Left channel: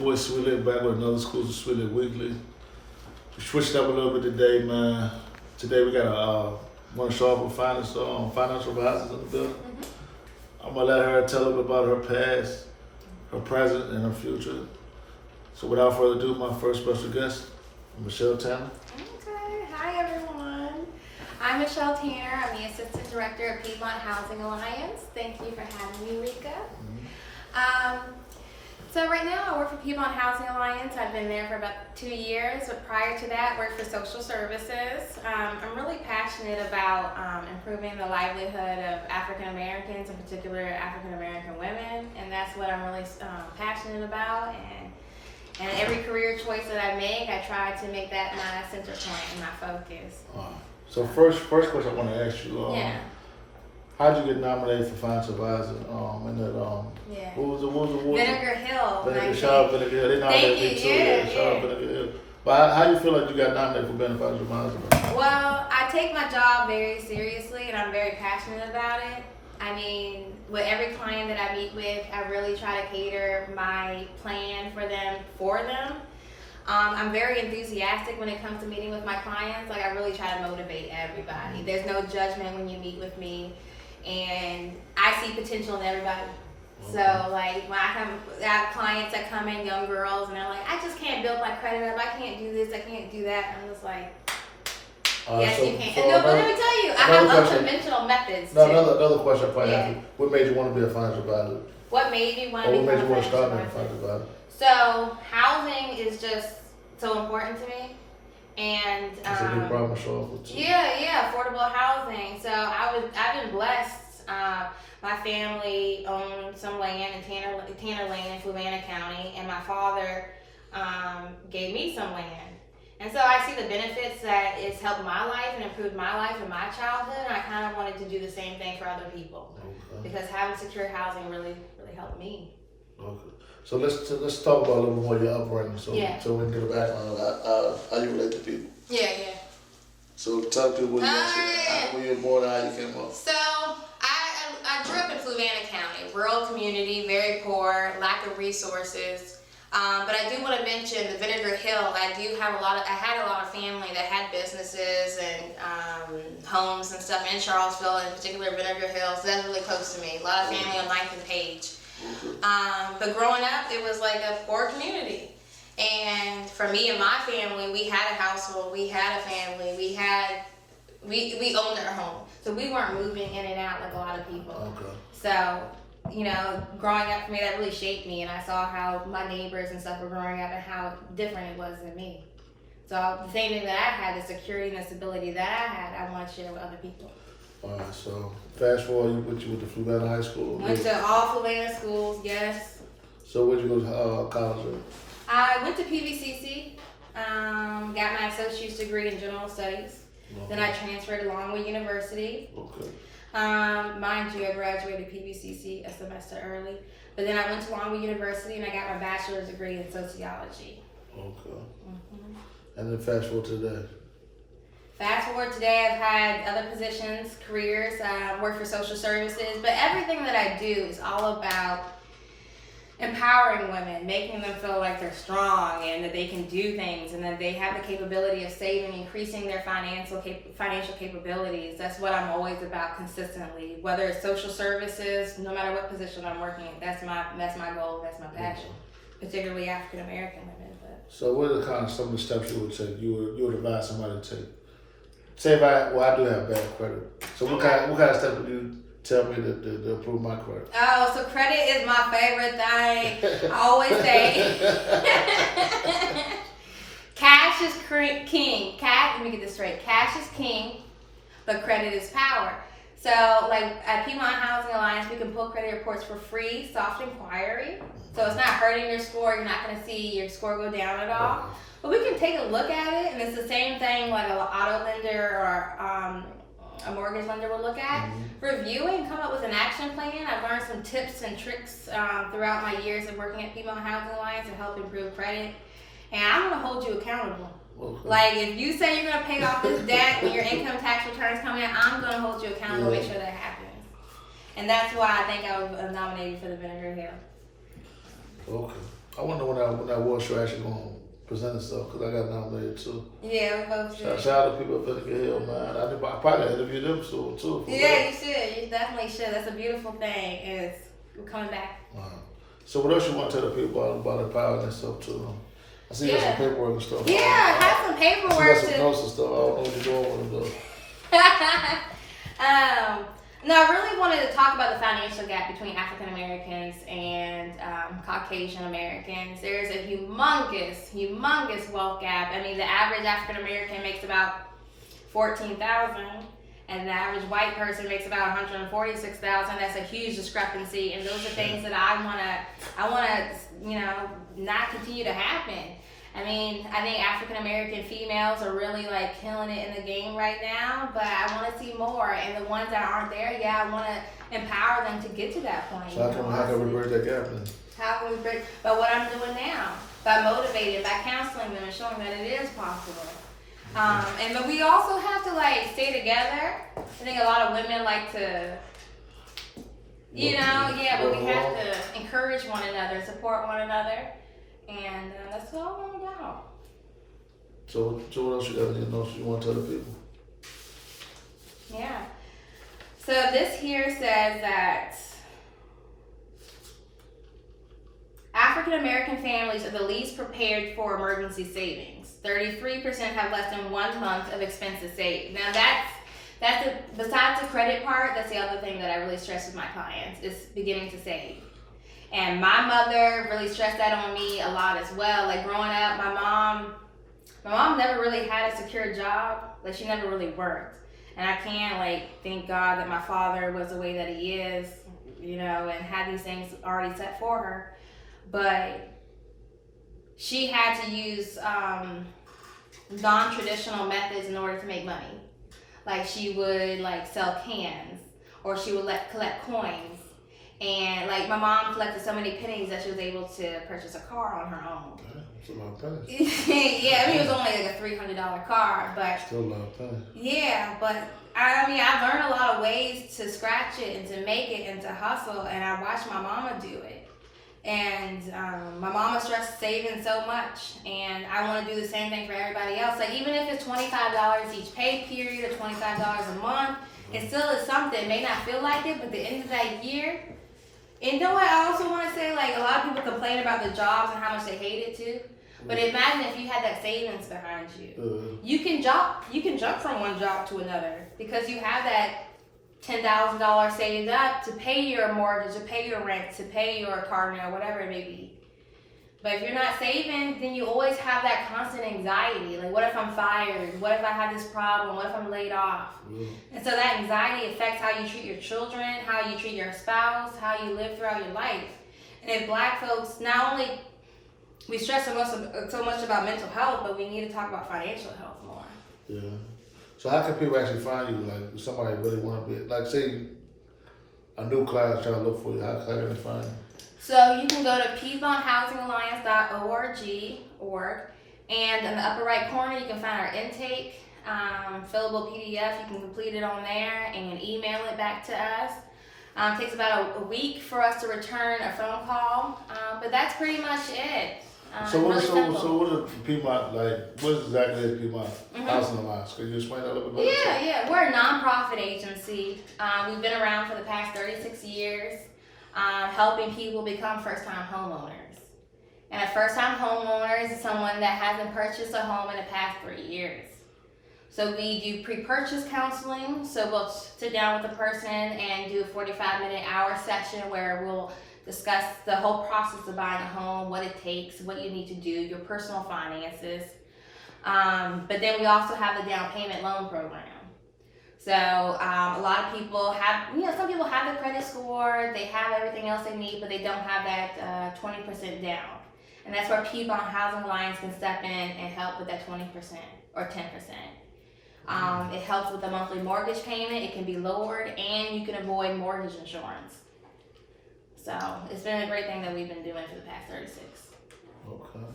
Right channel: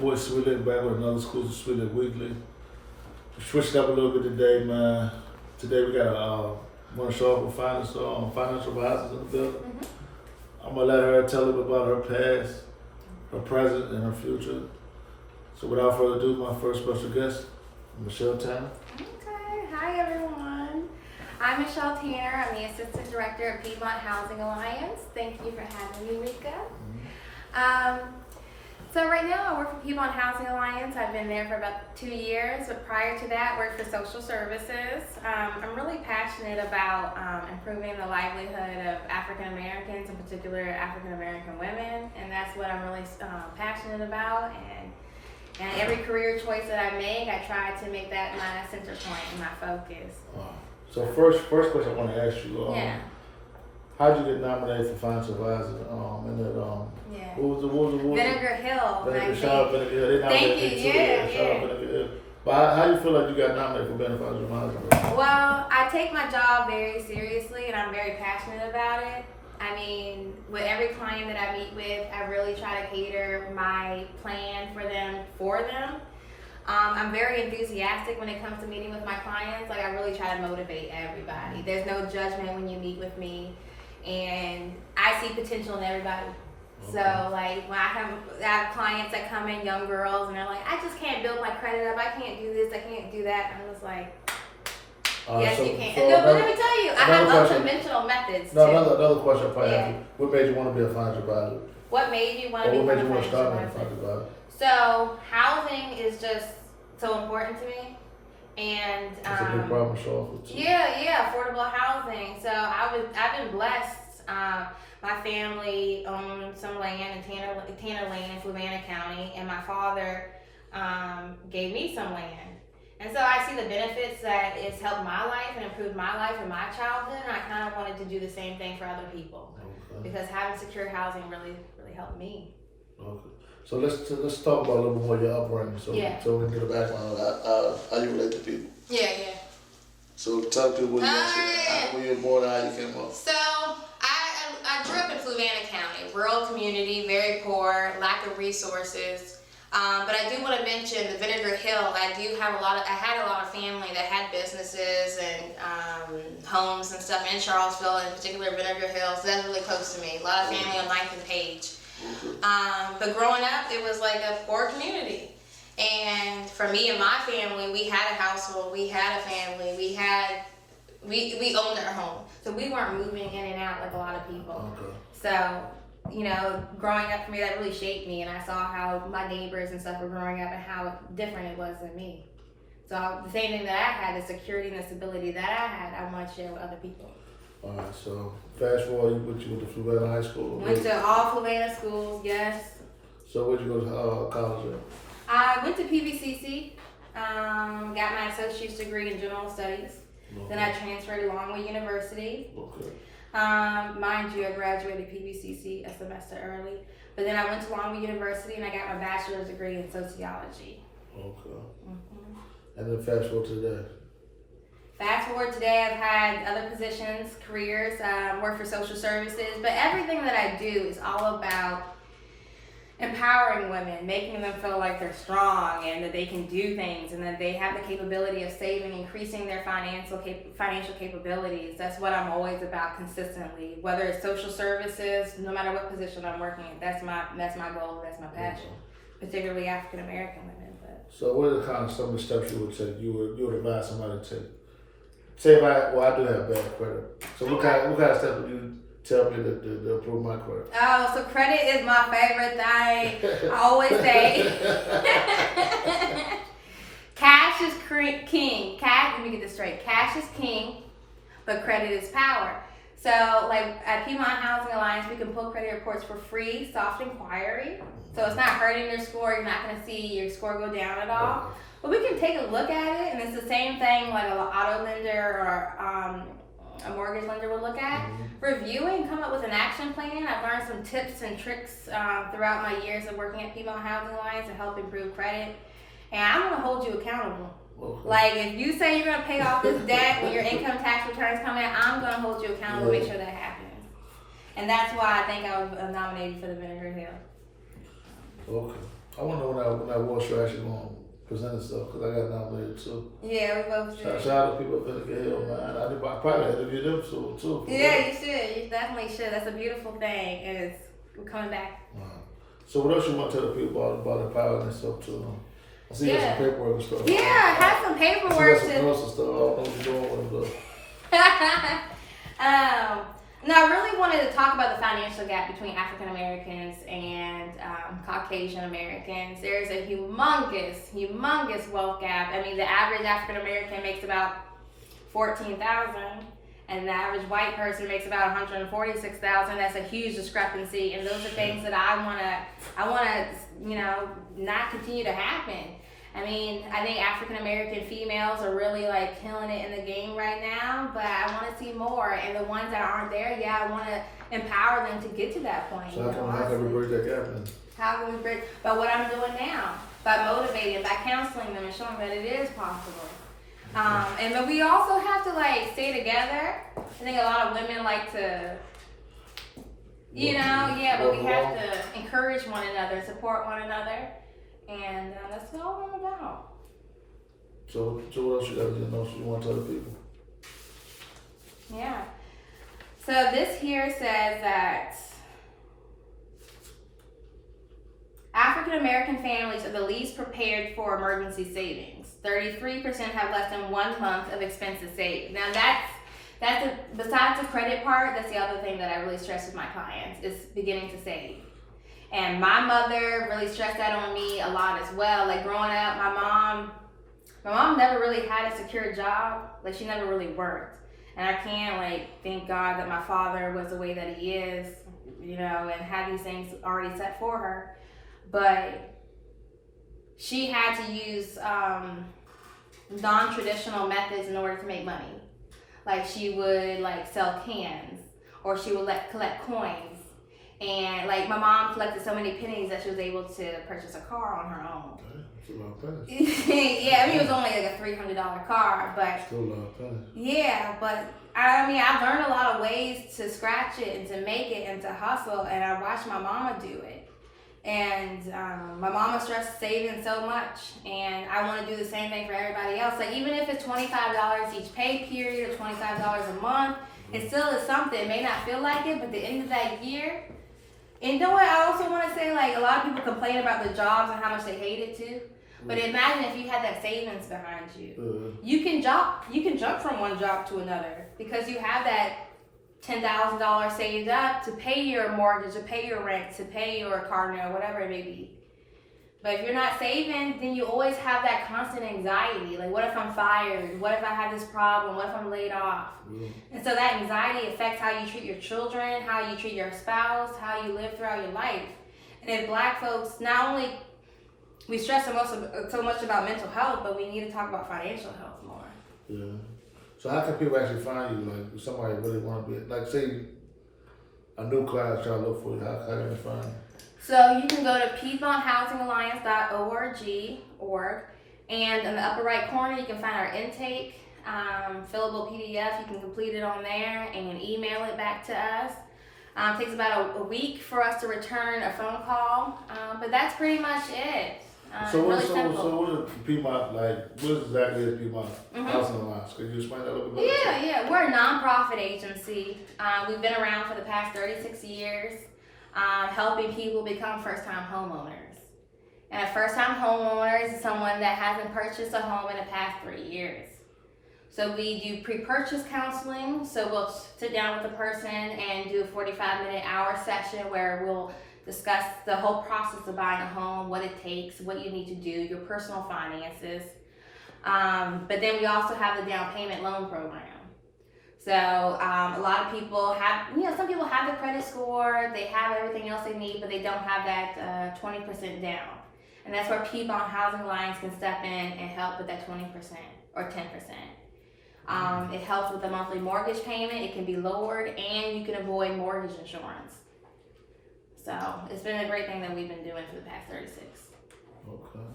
boy Sweetlick back with another Schools of Sweetlick Weekly. We switched up a little bit today, man. Today we got want to show up with financial advisors in the building. Mm-hmm. I'm gonna let her tell a bit about her past, her present, and her future. So without further ado, my first special guest, Michelle Tanner. Okay, hi everyone. I'm Michelle Tanner. I'm the Assistant Director of Piedmont Housing Alliance. Thank you for having me, Rika. Mm-hmm. So right now I work for Piedmont Housing Alliance. I've been there for about 2 years, but prior to that, worked for social services. I'm really passionate about improving the livelihood of African Americans, in particular African American women, and that's what I'm really passionate about. And every career choice that I make, I try to make that my center point and my focus. So first question I want to ask you. How'd you get nominated for financial advisor? What was the Vinegar Hill. Shout out Vinegar Hill. They nominated me too. Shout out Vinegar Hill. But how do you feel like you got nominated for being a financial advisor? Well, I take my job very seriously and I'm very passionate about it. I mean, with every client that I meet with, I really try to cater my plan for them. I'm very enthusiastic when it comes to meeting with my clients. Like, I really try to motivate everybody. There's no judgment when you meet with me. And I see potential in everybody. Okay. So like when I have clients that come in, young girls, and they're like, I just can't build my credit up. I can't do this. I can't do that. I'm just like, yes, you can. And but let me tell you, I have unconventional methods too. Another question I probably ask you. What made you want to be a financial advisor? What made me want to become a financial advisor? So housing is just so important to me. And it's a big problem to solve for too. Yeah, affordable housing. So I've been blessed. My family owned some land in Tanner Lane in Fluvanna County, and my father gave me some land. And so I see the benefits that it's helped my life and improved my life and my childhood, and I kind of wanted to do the same thing for other people. Okay. Because having secure housing really helped me. Okay. So let's talk about a little bit more your upbringing, so we can get a background on how you relate to people. Yeah. So talk to where you were born and how you came up. So I grew up in Fluvanna County, rural community, very poor, lack of resources. But I do want to mention the Vinegar Hill. I had a lot of family that had businesses and homes and stuff in Charlottesville, in particular Vinegar Hill. So that's really close to me. A lot of family on 9th and Page. But growing up, it was like a poor community. And for me and my family, we had a household, we had a family, we owned our home. So we weren't moving in and out like a lot of people. Okay. So, growing up for me, that really shaped me, and I saw how my neighbors and stuff were growing up and how different it was than me. So the same thing that I had, the security and the stability that I had, I want to share with other people. Alright, so fast forward, you went to Fluvanna High School? Went to all Fluvanna schools, yes. So where'd you go to college at? I went to PVCC, got my associate's degree in general studies. Okay. Then I transferred to Longwood University. Okay. Mind you, I graduated PVCC a semester early. But then I went to Longwood University and I got my bachelor's degree in sociology. Okay. Mm-hmm. And then fast forward to today. Fast forward today, I've had other positions, careers, work for social services, but everything that I do is all about empowering women, making them feel like they're strong and that they can do things and that they have the capability of saving, increasing their financial capabilities. That's what I'm always about consistently, whether it's social services, no matter what position I'm working in. That's my goal, that's my passion, particularly African American women. So what are some of the steps you would take, you would advise somebody to take? Say if I do have bad credit. So what kind of steps would you tell me to improve my credit? Oh, so credit is my favorite thing. I always say cash is king. Let me get this straight. Cash is king, but credit is power. So like at Piedmont Housing Alliance, we can pull credit reports for free, soft inquiry. So it's not hurting your score. You're not going to see your score go down at all. But we can take a look at it, and it's the same thing like an auto lender or a mortgage lender would look at. Mm-hmm. Review it and come up with an action plan. I've learned some tips and tricks throughout my years of working at Piedmont Housing Alliance to help improve credit. And I'm going to hold you accountable. Okay. Like if you say you're going to pay off this debt when your income tax returns come in, I'm going to hold you accountable to make sure that happens. And that's why I think I was nominated for the Vinegar Hill. Okay. I wonder when that award show actually going to present itself, because I got nominated too. Yeah, we both did. Shout out to people at Vinegar Hill, man. I probably interview them soon too. Yeah, you should. You definitely should. That's a beautiful thing, and we're coming back. So what else you want to tell the people about empowering themselves too? I see you got some paperwork and stuff. Yeah, I have some paperwork too. Some notes and stuff. I don't know what you're doing with them though. No, I really wanted to talk about the financial gap between African Americans and Caucasian Americans. There's a humongous wealth gap. I mean, the average African American makes about $14,000, and the average white person makes about $146,000. That's a huge discrepancy, and those are things that I wanna, not continue to happen. I mean, I think African American females are really like killing it in the game right now, but I want to see more. And the ones that aren't there, I want to empower them to get to that point. So how can we bridge that gap then? How can we bridge? By what I'm doing now, by motivating, by counseling them and showing that it is possible. But we also have to like stay together. I think a lot of women like to, but we have to encourage one another, support one another. And that's all I'm about. So what else you got to know you want to tell the people? Yeah. So this here says that African American families are the least prepared for emergency savings. 33% have less than 1 month of expenses saved. Now besides the credit part, that's the other thing that I really stress with my clients is beginning to save. And my mother really stressed that on me a lot as well. Like growing up, my mom never really had a secure job. Like she never really worked. And I can't thank God that my father was the way that he is, and had these things already set for her. But she had to use non-traditional methods in order to make money. Like she would sell cans, or she would collect coins. And my mom collected so many pennies that she was able to purchase a car on her own. That's a lot of pennies. Yeah, I mean it was only a $300 car, but still a lot of pennies. Yeah, but I've learned a lot of ways to scratch it and to make it and to hustle, and I watched my mama do it. And my mama stressed saving so much, and I want to do the same thing for everybody else. Even if it's $25 each pay period or $25 a month, it still is something. It may not feel like it, but at the end of that year. And you know what? I also want to say, a lot of people complain about the jobs and how much they hate it too. But imagine if you had that savings behind you. You can jump from one job to another because you have that $10,000 saved up to pay your mortgage, to pay your rent, to pay your car note, whatever it may be. But if you're not saving, then you always have that constant anxiety. What if I'm fired? What if I have this problem? What if I'm laid off? And so that anxiety affects how you treat your children, how you treat your spouse, how you live throughout your life. And if Black folks, not only we stress so much about mental health, but we need to talk about financial health more. Yeah. So how can people actually find you? If somebody really want to be, say a new client trying to look for you, how can they find you? So you can go to PiedmontHousingAlliance.org, and in the upper right corner you can find our intake, fillable PDF. You can complete it on there and email it back to us. It takes about a week for us to return a phone call, but that's pretty much it. So what is Piedmont, what exactly is Piedmont Housing Alliance? Can you explain that a little bit? Yeah. We're a nonprofit agency. We've been around for the past 36 years. Helping people become first-time homeowners. And a first-time homeowner is someone that hasn't purchased a home in the past 3 years. So we do pre-purchase counseling. So we'll sit down with the person and do a 45-minute hour session where we'll discuss the whole process of buying a home, what it takes, what you need to do, your personal finances. But then we also have the down payment loan program. So a lot of people have, some people have the credit score, they have everything else they need, but they don't have that 20% down. And that's where Piedmont Housing Alliance can step in and help with that 20% or 10%. It helps with the monthly mortgage payment, it can be lowered, and you can avoid mortgage insurance. So it's been a great thing that we've been doing for the past 36. Okay.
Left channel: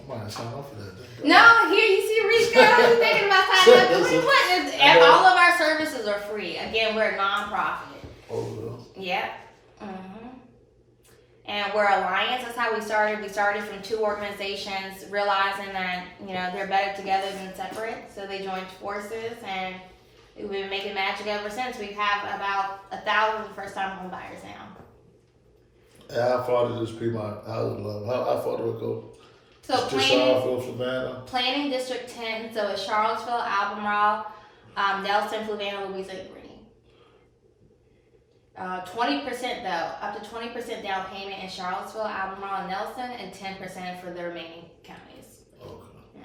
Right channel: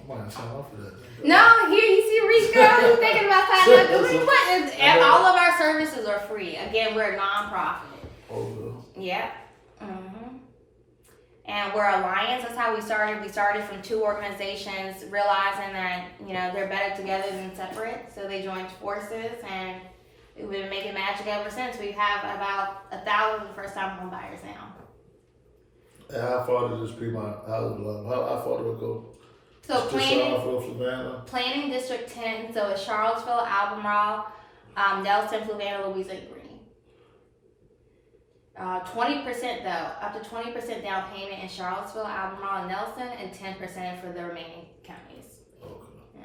I might sign up for that. No, here you see Rico. He's thinking about signing up. All of our services are free. Again, we're a nonprofit. Oh, Yeah. And we're alliance. That's how we started. We started from 2 organizations, realizing that, you know, they're better together than separate. So they joined forces, and we've been making magic ever since. We have about 1,000 first-time home buyers now. And how far did this Piedmont housing loan? How far do it go? So Just planning District 10. So it's Charlottesville, Albemarle, Nelson, Fluvanna, Louisa, and Green. 20% though, up to 20% down payment in Charlottesville, Albemarle, and Nelson, and 10% for the remaining counties. Okay. Yeah.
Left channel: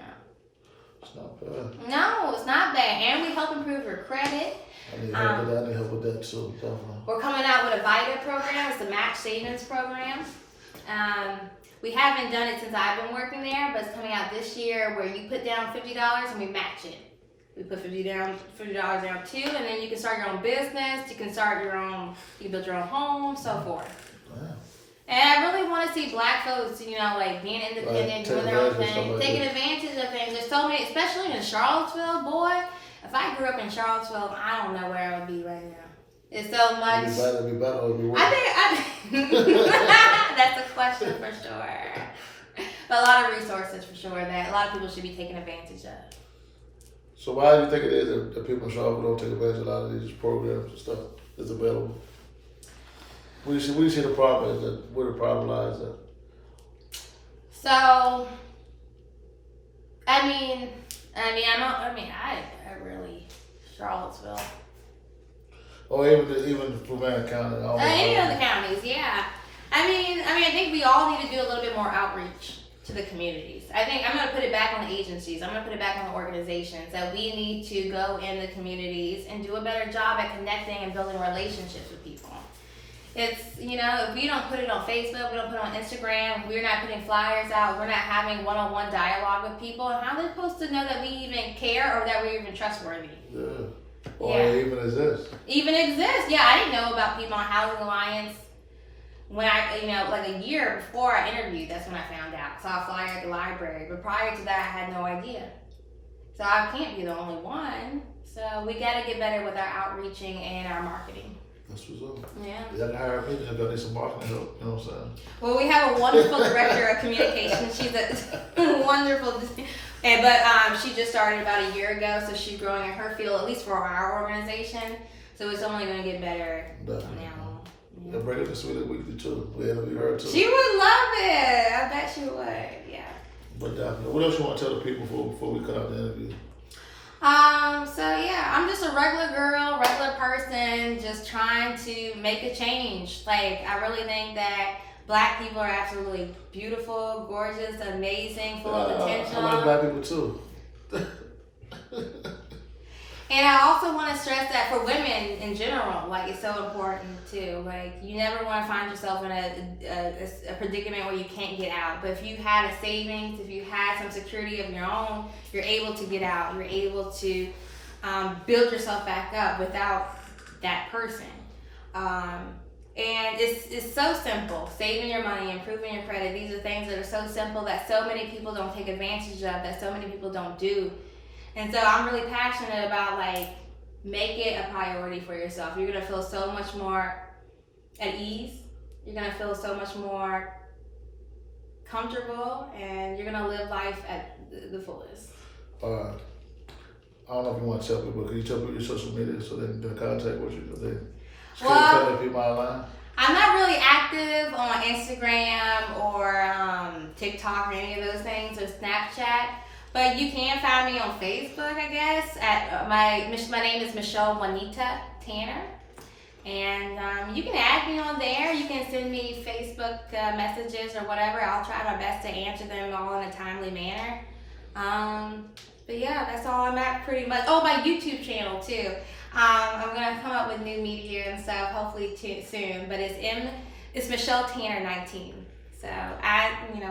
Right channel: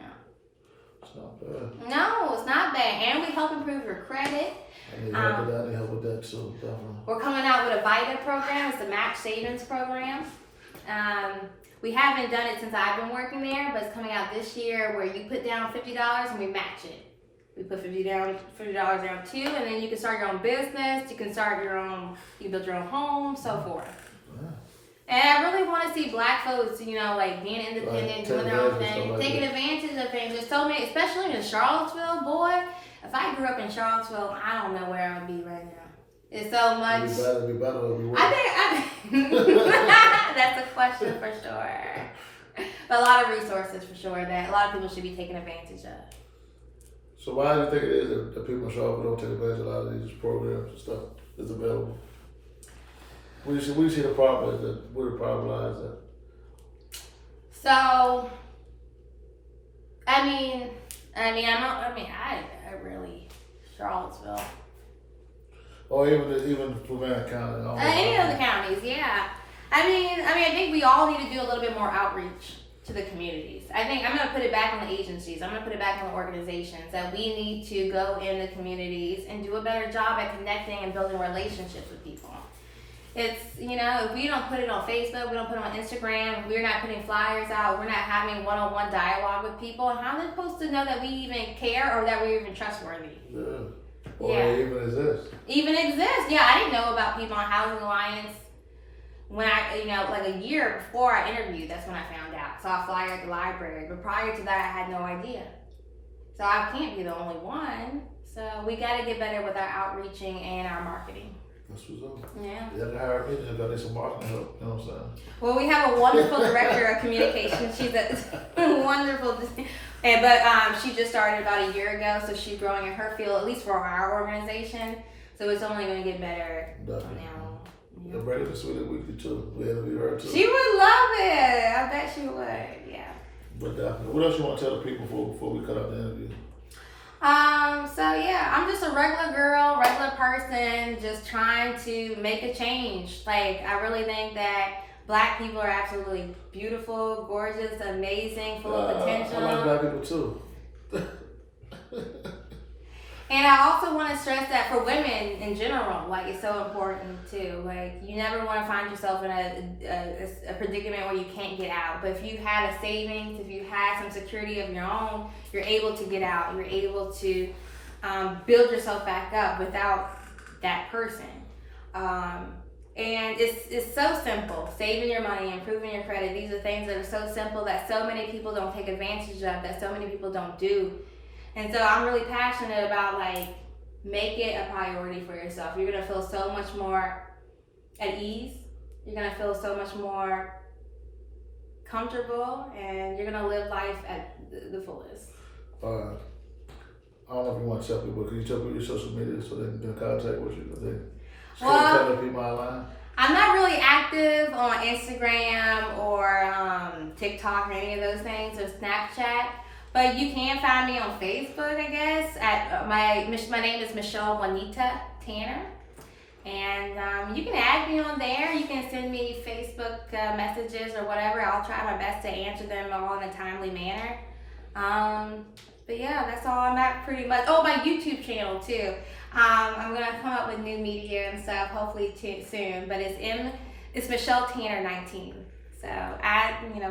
It's not bad. No, it's not bad, and we help improve your credit. I need help with that. I need help with that too. Definitely. We're coming out with a VITA program. It's the match savings program. We haven't done it since I've been working there, but it's coming out this year where you put down $50 and we match it. We put $50 down too, and then you can start your own business. You can start your own. You can build your own home, so forth. Yeah. And I really want to see Black folks, you know, like being independent, doing their own thing, taking advantage of things. There's so many, especially in Charlottesville, boy. If I grew up in Charlottesville, I don't know where I would be right now. It's so much. It'd be better, it'd be worse. I think that's a question for sure. But a lot of resources for sure that a lot of people should be taking advantage of. So why do you think it is that people in Charlottesville don't take advantage of a lot of these programs and stuff that's available? We see the problem is that where the problem lies at. So, I really Charlottesville. Or even Fluvanna County. Any of the counties, yeah. I think we all need to do a little bit more outreach to the communities. I think I'm going to put it back on the agencies. I'm going to put it back on the organizations that we need to go in the communities and do a better job at connecting and building relationships with people. It's, you know, if we don't put it on Facebook, we don't put it on Instagram, we're not putting flyers out, we're not having one-on-one dialogue with people, and how are they supposed to know that we even care or that we're even trustworthy? Yeah. Or they even exist. Even exist. Yeah, I didn't know about Piedmont Housing Alliance when like a year before I interviewed. That's when I found out. Saw a flyer at the library, but prior to that, I had no idea. So I can't be the only one. So we got to get better with our outreaching and our marketing. That's what's up. Yeah. You can hire me, I got some marketing help, you know what I'm saying? Well, we have a wonderful director of communication. She's a wonderful, but she just started about a year ago, so she's growing in her field, at least for our organization. So it's only going to get better from now on. Yeah, bring her to Sweetlick Weekly too. We interview her too. She would love it. I bet she would. Yeah. But definitely. What else you want to tell the people before we cut out the interview? So yeah, I'm just a regular girl, regular person, just trying to make a change. Like, I really think that Black people are absolutely beautiful, gorgeous, amazing, full of potential. I like Black people too. And I also want to stress that for women in general, like, it's so important too. Like, you never want to find yourself in a predicament where you can't get out. But if you had a savings, if you had some security of your own, you're able to get out. You're able to build yourself back up without that person. And it's so simple. Saving your money, improving your credit. These are things that are so simple that so many people don't take advantage of, that so many people don't do. And so I'm really passionate about, like, make it a priority for yourself. You're going to feel so much more at ease. You're going to feel so much more comfortable, and you're going to live life at the fullest. I don't know if you want to tell people, but can you tell people your social media so they can get in contact with you? Tell people online? I'm not really active on Instagram or TikTok or any of those things, or Snapchat. But you can find me on Facebook, I guess. At my name is Michelle Juanita Tanner, and you can add me on there. You can send me Facebook messages or whatever. I'll try my best to answer them all in a timely manner. But yeah, that's all I'm at pretty much. Oh, my YouTube channel too. I'm gonna come up with new media and stuff hopefully soon. But it's Michelle Tanner 19. So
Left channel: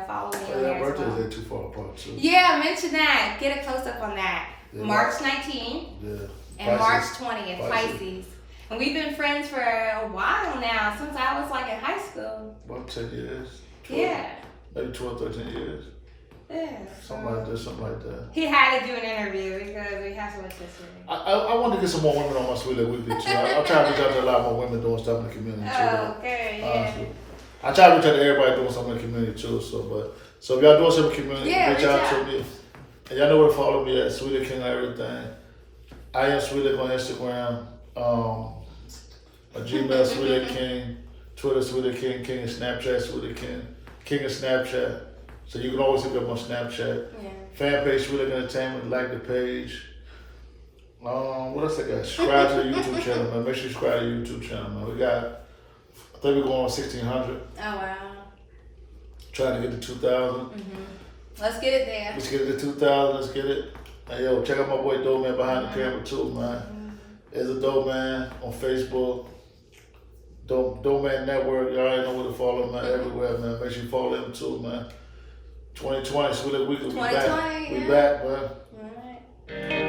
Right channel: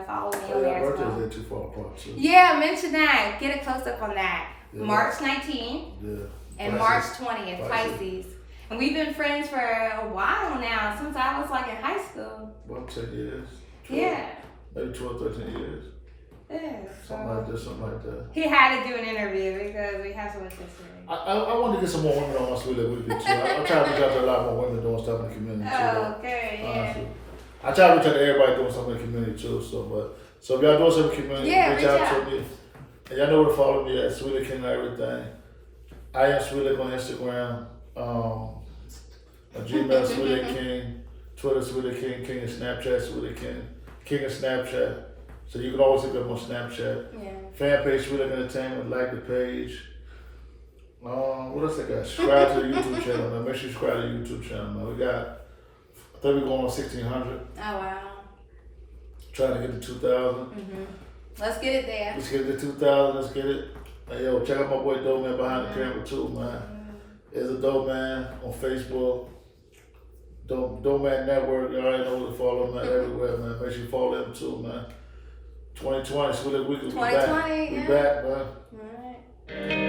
follow me on there as well. Birthdays ain't too far apart too. Yeah, mention that. Get a close up on that. Yeah, March 19th and March 20th, Pisces. And we've been friends for a while now, since I was like in high school. About 10 years. 12, yeah. Maybe 12, 13 years. Yeah. Something like that. He had to do an interview because we have so much history. I want to get some more women on my Sweetlick Weekly too. I'm trying to reach out to a lot more women doing stuff in the community too. Okay, yeah. Honestly. I try to reach out to everybody doing something in the community too. So if y'all doing something in the community, reach out to me. And y'all know where to follow me at Sweetlick King and everything. I am Sweetlick on Instagram. My Gmail Sweetlick King, Twitter Sweetlick King, King and Snapchat Sweetlick King, King and Snapchat. So you can always hit me up on Snapchat. Yeah. Fan page Sweetlick Entertainment, like the page. What else I got? Subscribe to the YouTube channel, man. Make sure you subscribe to the YouTube channel, man. We got, I think we're going on 1,600. Oh wow. Trying to get to 2,000. Let's get it there. Let's get it to 2,000. Let's get it. Hey, yo, check out my boy Dope Man behind the camera too, man. There's a Dope Man on Facebook. Dope Man Network. Y'all already know where to follow him, man. Everywhere, man. Make sure you follow him too, man. 2020, Sweetlick Weekly. 2020, we back, man. All right.